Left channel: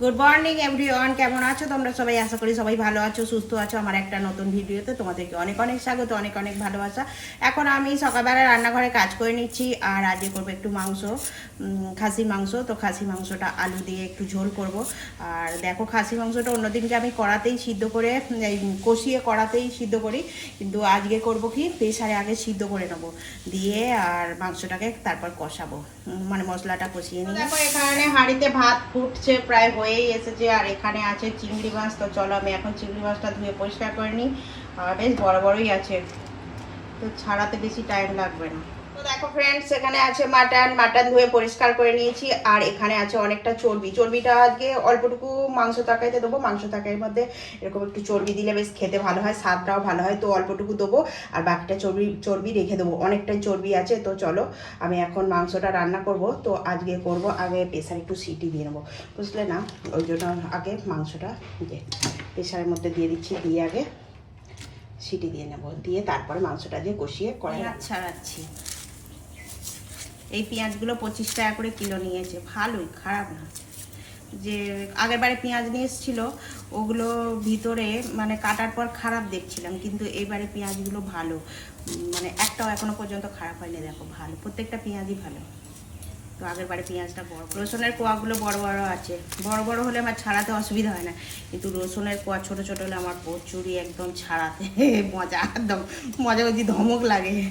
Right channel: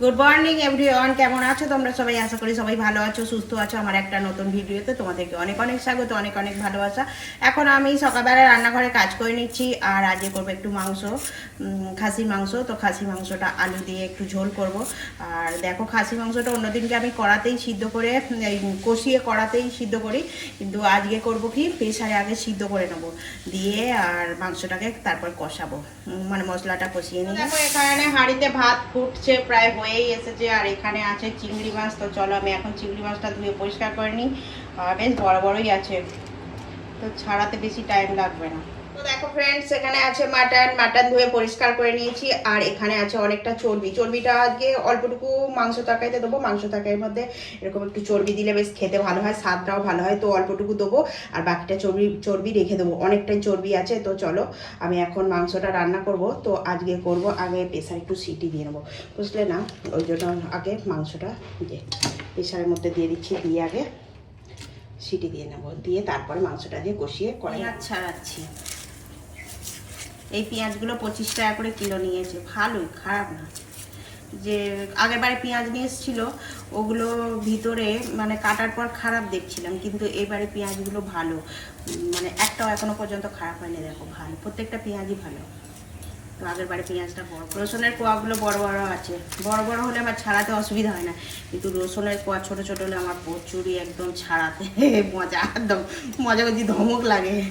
Good morning everyone কেমন আছো তোমরা সবাই? আশা করি সবাই ভালো আছো, সুস্থ আছো। আমার একটা নতুন ভিডিওতে তোমাদেরকে অনেক অনেক স্বাগত, অনেক অনেক ভালোবাসা। এখন আমি সকালবেলা রান্নাঘরে কাজ করে নিচ্ছি আর আজকে করব একটু মাংস খাসি মাংস। তো খাসি মাংসটা আলু দিয়ে একটু ঝোল করব। আর দেখো, খাসি মাংসটা অন্যদিনকে আমি কড়াতেই সিদ্ধ করে কষিয়ে কড়াতেই সিদ্ধ করি। কিন্তু আজকে করব কি? প্রেসারে আগে সিদ্ধ করে নেব। দিয়ে আর মাংসটাকে তারপর কষাবো। মানে মশলাটা কষিয়ে দেখো, এখানে হাঁড়িতে ভাত ফুটছে প্রায় হয়েই এসেছে আর এখানে আছে চিংড়ি মাছ। তো চলো আমি এখন চিংড়ি মাছটা ধুয়ে পরিষ্কার করে নিই। বেশ বড় বড়ই আছে। তো ছাড়াতে বেশি টাইম লাগবে না। তো দেখো ফ্রেন্ডস এখানে আছে মাটন মাটন ধুয়ে পরিষ্কার করে নিয়েছি, আর এখানে আছে অনেকটা চর্বি। চর্বিটা আজকে অল্পটুকু মাংস তরকারিতে দেবো, মাংস তরকারির মধ্যে এরকম একটু চর্বি দিলে বেশ খেতে ভালো হয়, স্বাদটাও ভালো হয়, তো অল্পটুকু দেবো, আর বাকিটা চর্বি চর্বি রেখে দেবো। অনেকটাই চর্বি আছে, তো চলো আমি এখন মাংসটা রান্না করব, তো আজকে করব আগে প্রেশার একটু সিটি দিয়ে নেব। বুঝলে না? ওই জন্য আগে মাংসটা দিয়ে প্রেশারের মধ্যে দিয়ে দিচ্ছি, দিয়ে আগে সিটি দিয়ে নেব। দিয়ে তারপরে মাংসটা দিয়ে কষিয়ে কড়াই ছাড়াচ্ছি। এই পেঁয়াজগুলো পঁচিশ টাকা করে কিলো নিয়েছে। ভালোই, খারাপ না। যে আগের বারে পেঁয়াজ নিয়ে এসেছিল, ওগুলো ভিতরে মানে কাটার পর খারাপ দেখছিলাম, কিন্তু এবারে পেঁয়াজগুলো ভালো। মানে একটাও এখনও পর্যন্ত খারাপ হয়নি, দেখো, ভালো। প্রত্যেকটা পেঁয়াজই ভালো। তো আগের বারে পেঁয়াজটা বড়। রসুনের কোয়াগুলো বড় বড় আছে। বড় বড় হলে আমার ছাড়াতে অসুবিধা হয় না। কিন্তু রসুনের কোয়া ছোট ছোট হলে আমার প্রচুরই একদম ছাড়াতে মজা, একদম মজা করছি, ধমক লাগে।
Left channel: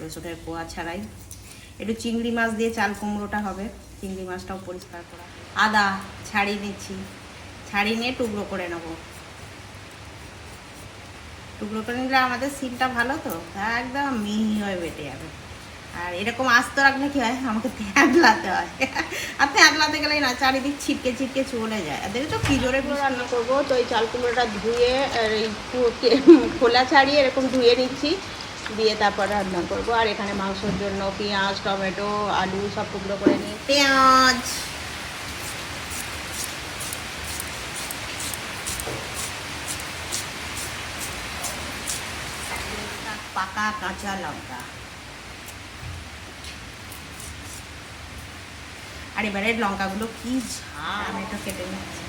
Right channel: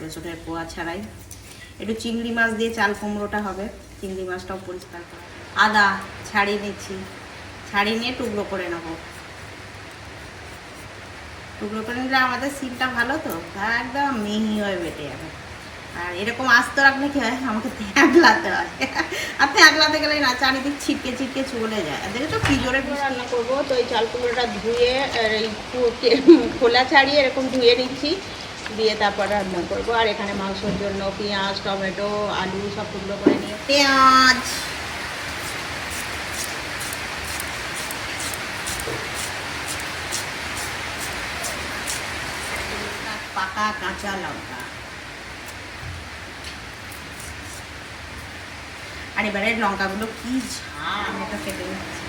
রসুনের কোয়া ছাড়াই। একটু চিংড়ি মাছ দিয়ে চাল কুমড়োটা হবে। চিংড়ি মাছটাও পরিষ্কার করা। আদা ছাড়িয়ে নিচ্ছি। ছাড়িয়ে নিয়ে টুকরো করে নেব। টুকরো করে নিলে আমাদের সিমটা ভালো তো? একদম মিহি হয়ে বেটে যাবে। আর এরকম আস্ত রাখলে কি হয়? আমাকে থ্যাঁতলাতে হয়। আর থ্যাঁতলাতে গেলে না, চারিদিক ছিটকে ছিটকে চলে যায়। আর দেখেছ কি জোরে রান্না করব। তো এই চাল কুমড়োটা ধুয়ে এই খোলা ছাড়িয়ে এরকম ধুয়ে নিচ্ছি। দিয়ে তারপর রান্না করব। আর এখানে মাংসের জন্য পেঁয়াজ, টমেটো, আলু সব টুকরো করে নিয়ে পেঁয়াজ। পাকা কাঁচা লঙ্কা। আর এবারে লঙ্কাগুলো কি ঝাল ওটা কেটে নিচ্ছি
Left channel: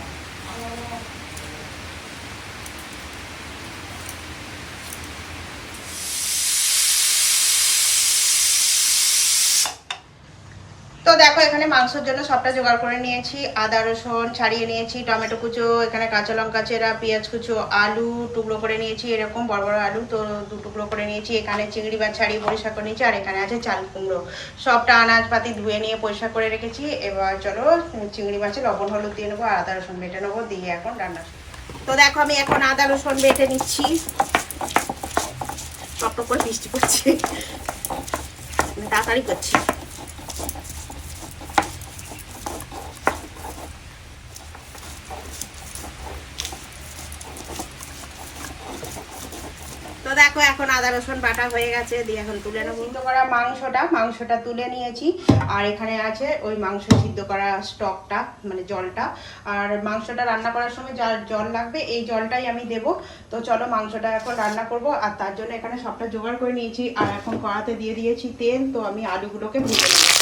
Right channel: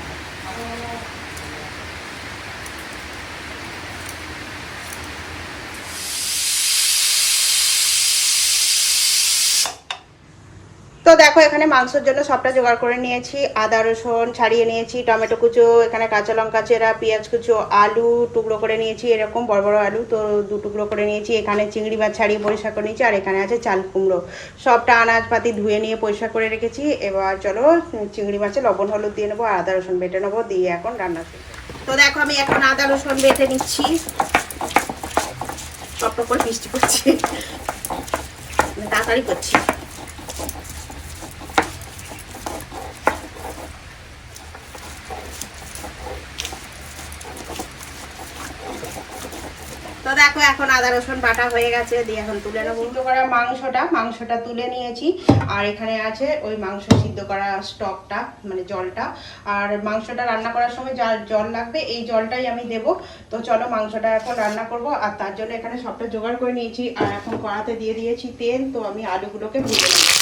তো দেখো, এখানে মাংসের জন্য সবটা জোগাড় করে নিয়েছি। আদা, রসুন ছাড়িয়ে নিয়েছি, টমেটো কুচো, এখানে কাঁচা লঙ্কা চেরা, পেঁয়াজ কুচো, আলু টুকরো করে নিয়েছি, এরকম বড় বড় আলু। তো দু টুকরো করে নিয়েছি, এখানে চিংড়ি মাছ ছাড়িয়ে পরিষ্কার করে নিয়েছি, আর এখানে আছে চাল কুমড়ো। সবটা আনাজপাতি ধুয়ে নিয়ে পরিষ্কার করে রেখেছি। এবার চলো, চিংড়ি মাছে লবণ, হলুদ দিয়ে নেব আদা, রসুন বেটে নেব, দিয়ে এখন রান্না তো দেখো, আমি এখন আদা, রসুন বেটে নিচ্ছি। টপ করে বৃষ্টি পড়ছে তাড়াতাড়ি করছি তো দেখো এখন আদা, রসুন, বাটা হয়ে গেছে, দিয়ে এখন তুলে নেব। সিদ্ধ করা মাংসটা মাংসটা তুলে নিয়েছি। আর এখানে আছে ওই মাংস সিদ্ধ করা স্টকটা মানে জলটা। আর মাংসটা রান্না করার সময় যা জল লাগবে, এই জলটাই আমি দেব। তো চলো মাংসটা এখন রান্না করব। আর তার জন্য এখানে সবটা জোগাড় করে নিয়েছি। আর এখন কড়াতে দিয়ে দিয়েছি তেল, তো আমি আলুগুলোকে ভেজে নেব।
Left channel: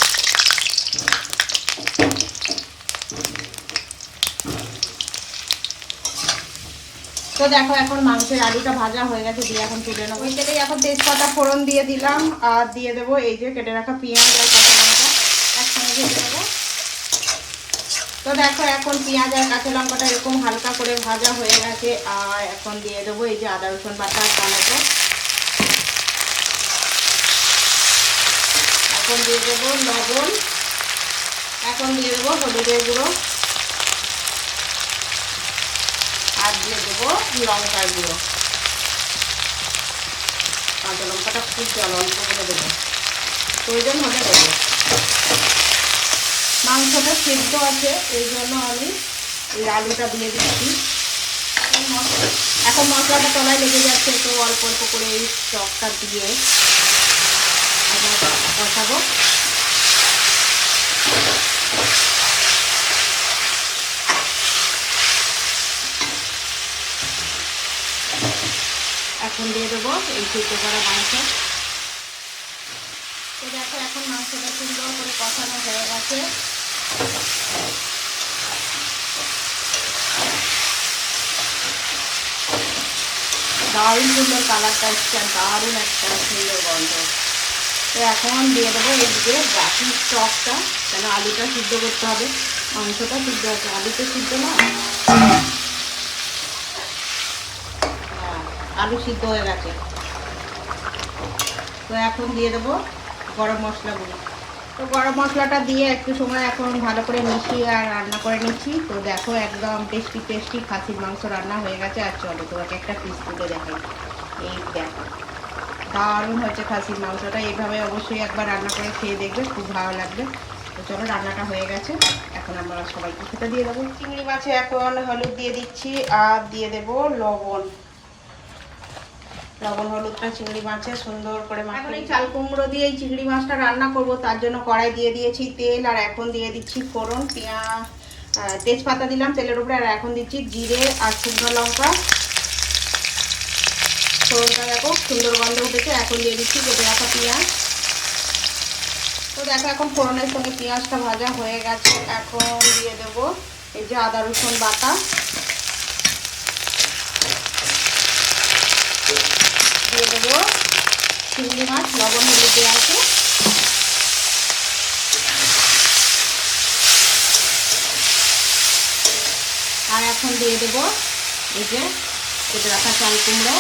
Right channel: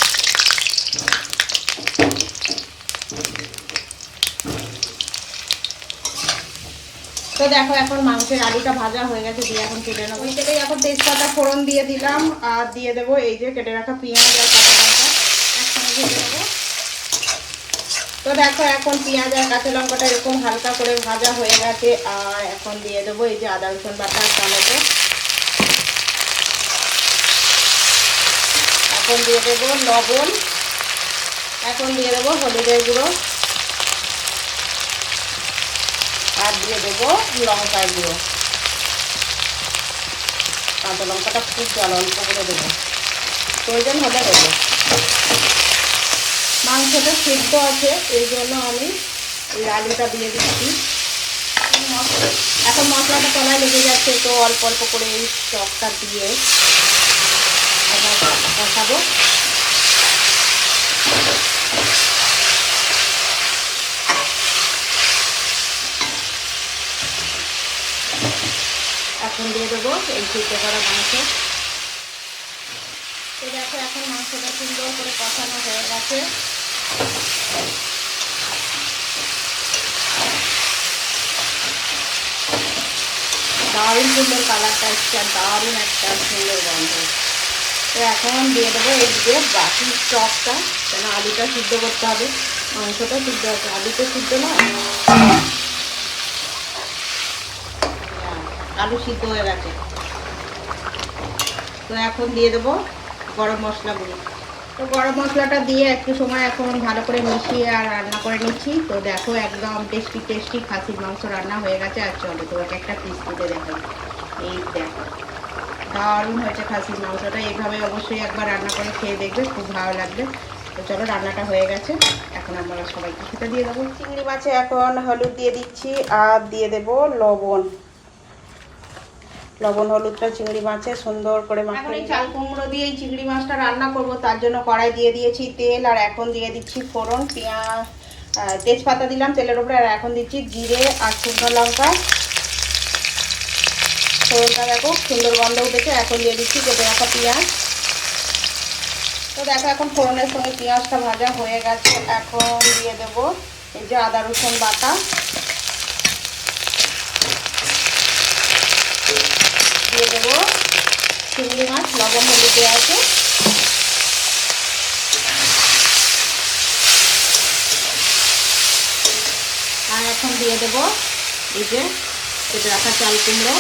তো দেখো, এখন মাংসের আলুটা ভাজা হয়ে গেছে, দিয়ে এখন তুলে নেব। ওই তেলেই এখন তেজপাতা ফোড়ন দিয়ে দিলাম, আর দিয়ে দেবো এই যে কেটে রাখা পেঁয়াজ আর কাঁচা লঙ্কা একসঙ্গে ভেজে নেব। তো দেখো, এখন পেঁয়াজ আর কাঁচা লঙ্কাটা এরকম হালকা করে ভাজা হয়ে গেছে, আর এখন দিয়ে দেবো এই যে আদা, রসুন বাটা আর টমেটো এখন দিয়ে দেবো লবণ, এখন দিয়ে দেবো হলুদের গুঁড়ো আর দিয়ে দেবো লঙ্কার গুঁড়ো। কাঁচা লঙ্কাটা খুব জল, অল্প করে দেবো। প্রয়োজন হলে দেবো। মাংসটা সিদ্ধ আছে, এই জন্য আমি এই আলুটা দিয়ে দিচ্ছি। এখন মশলাটা তলায় লেগে যাচ্ছে, তো অল্প অল্প করে এই স্টকটা দিয়ে কষাবো এখন দিয়ে দেবো, এই সিদ্ধ করা মাংস। তো দেখো, এখন মাংসটা সুন্দর করে কষানো হয়ে গেছে। দারুণ সুন্দর কালারটা এসছে আর দারুণ একটা সুন্দর গন্ধ। তো এখন দিয়ে দেবো এদিকে বাকি স্টকটা কেন আলুটা সিদ্ধ করতে হবে। মাংসটা সিদ্ধ হচ্ছে আলুটা সিদ্ধ না? আলু সিদ্ধ হয়ে গেছে। তো এখন দিয়ে দেবো গরম মশলা গুঁড়ি তো গরম মশলাটা দিয়ে একটু সময় এখন ভালো করে মিশিয়ে আর রান্না করে নিচ্ছি। তো দেখো একদম টেস্টি টেস্টি খাসির মাংস রান্না হয়ে গেছে। আর চলো তোমাকে একটা পিস তুলে দেখাই। এই দেখো, দারুণ হয়েছে খাসির মাংসটা। এইভাবে অবশ্যই একবার রান্না করে খেয়ে দেখবে, খুব ভালো লাগবে। তো চলো রান্নাটা হয়ে গেছে। এখন আমরা সবাইকে খেতে দিয়ে দেবো। চিংড়ি মাছে এখন হলুদ দিয়ে দিচ্ছি আর দিয়ে দেবো লবণ। লবণ হলুদটা চিংড়ি মাছে সুন্দর করে এখন এই চাল কুমড়ো দিয়ে এই চিংড়ি মাছটা রান্না করব তার জন্য কড়াই দিয়ে দিয়েছি তেল আর এখন দিয়ে দিচ্ছি ফোড়ন পেঁয়াজ তেজপাতা দিলাম তেলের উপরে আর এখন দিচ্ছি জিরে আর শুকনো লঙ্কা। ফোড়নটা দেখো সুন্দর গন্ধ উঠেছে এখন দিয়ে দিচ্ছি কেটে রাখা পেঁয়াজ। তো দেখো এখন ফোড়নের সঙ্গে পেঁয়াজটা ভাজা হয়ে গেছে এখন দিয়ে দেবো এই যে আদা রসুন বাটা। দিয়ে দেবো। চিংড়ি মাছ, লবণ, হলুদ দেওয়া আছে। আর এখন দিয়ে দেবো এই যে কেটে রাখা চাল কুমড়ো।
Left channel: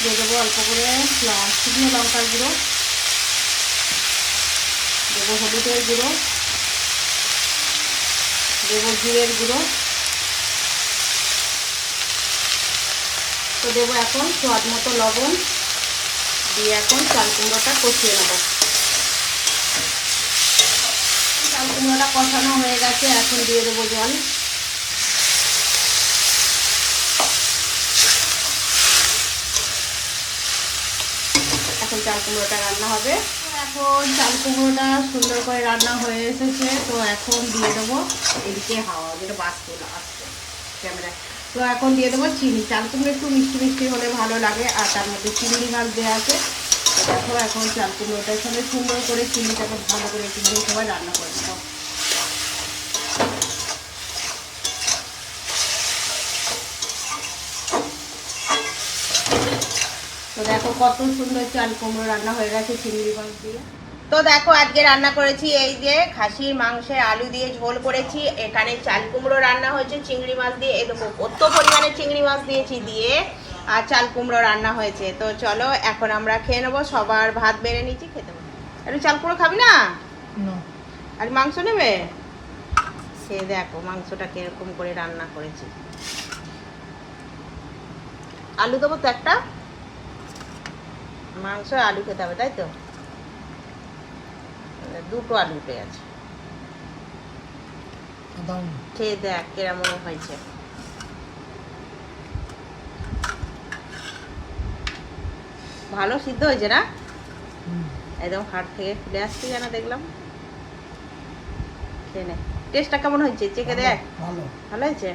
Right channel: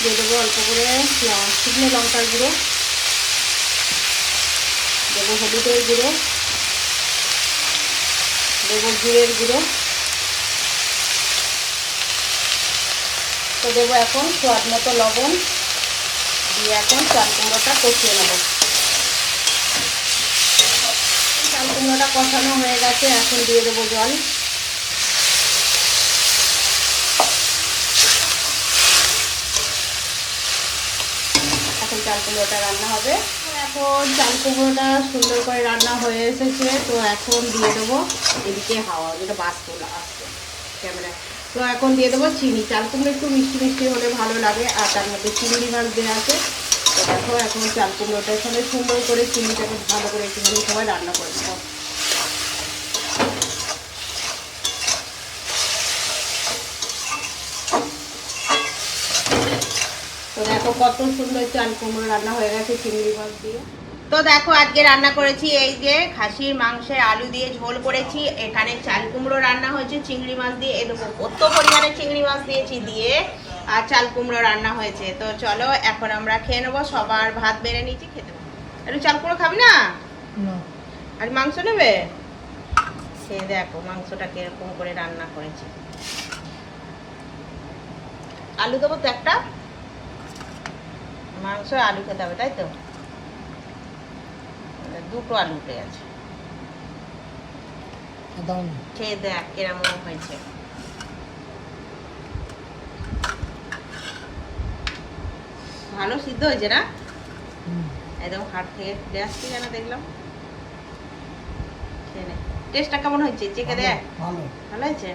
দিয়ে দেবো অল্প করে শুকনো লঙ্কার গুঁড়ো। দেবো হলুদের গুঁড়ো। দেবো জিরের গুঁড়ো। তো দেবো এখন স্বাদ মতো লবণ। দিয়ে এখন চাল কুমড়োটা কষিয়ে নেব। চাল কুমড়োটা কষানো হয়ে গেছে, এখন দিয়ে দেবো জল। এখন চাল কুমড়োটা রান্না হবে। এখন চাল কুমড়োটা সুন্দর করে রান্না হয়ে এসেছে, তো এখন দিয়ে দেবো এদিকে হাওয়া, যেটা বাষ্প আসছে ক্যামেরা তো এখন দিয়ে দেবো চিনি। চাল কুমড়ো একটু মিষ্টি মিষ্টি হলে ভালো লাগে, আর তার মধ্যে চিংড়ি মাছ দেওয়া আছে। তো দেখো এখন চাল কুমড়োটার সঙ্গে সুন্দর করে চিনিটাকে ভালো করে একটুখানি সবাই রান্না করে দেবো তো দেখো কত সুন্দর চাল কুমড়ো রান্না হয়ে গেছে চিংড়ি মাছ দিয়ে। তো দেখো আজকে রান্না করেছি এই যে খাসির মাংসের আলু দিয়ে ঝোল করেছি। এখানে চাল কুমড়ো রান্না হয়েছে চিংড়ি মাছ দিয়ে। এরকম কত পরিমাণে চিংড়ি মাছ দিয়েছি দিয়ে আর চাল কুমড়ো রান্না হয়েছে। তো চলো এখন আমরা খেয়ে নেব সবার ভাত বেড়ে নিচ্ছি খেতে একটু চাল কুমড়ো খাবি না। আর মাংস নেবে? সে দেখো মাংসটা কীরকম করে রান্না করেছি। আলু দেবো তো একটা? মাংস আলু খেতে হবে তাই তো? দুটো আলু উঠে আছে খেয়ে দেখ কীরকম হয়েছে। ভালো সিদ্ধ হয়েছে না? একদম হাট থেকে খুলে আসছে যেন দেখলাম। খেয়ে নে। টেস্টটা কেমন হয়েছে? চেকে দেখ। ভালো। ভালো হয়েছে?